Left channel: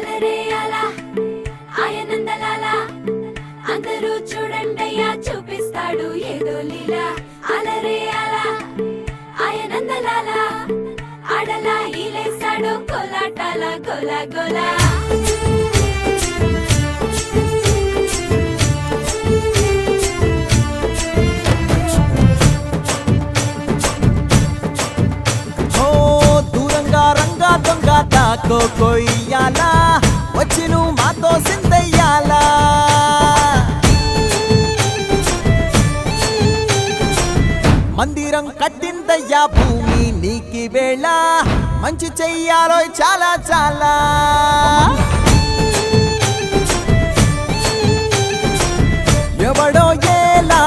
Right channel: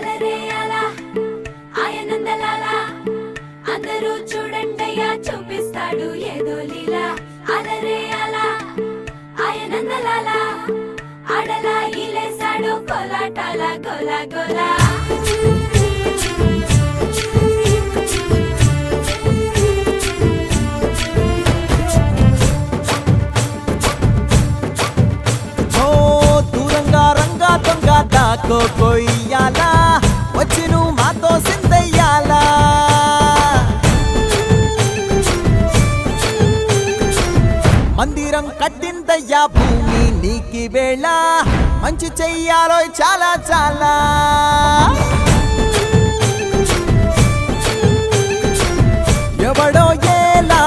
అలరే అలా ఆయనందలాల అందరూ చూడండయ్యా చూపిస్తాడు ఏదో లీలా అలరే అలా ఆయనందలాల ఆడలా ఇలేసాడు కోలాటాల గోలా గోలా రంగా దొంగ దాకో కొయ్యాలా వచ్చి నువ్వు మాతో సిందయ్యాలా మందిరం కట్టిందయ్యా భూమి నీకి వేళ మంచి చెయ్యాలో చాలా చాలా ఎవడో ఏలా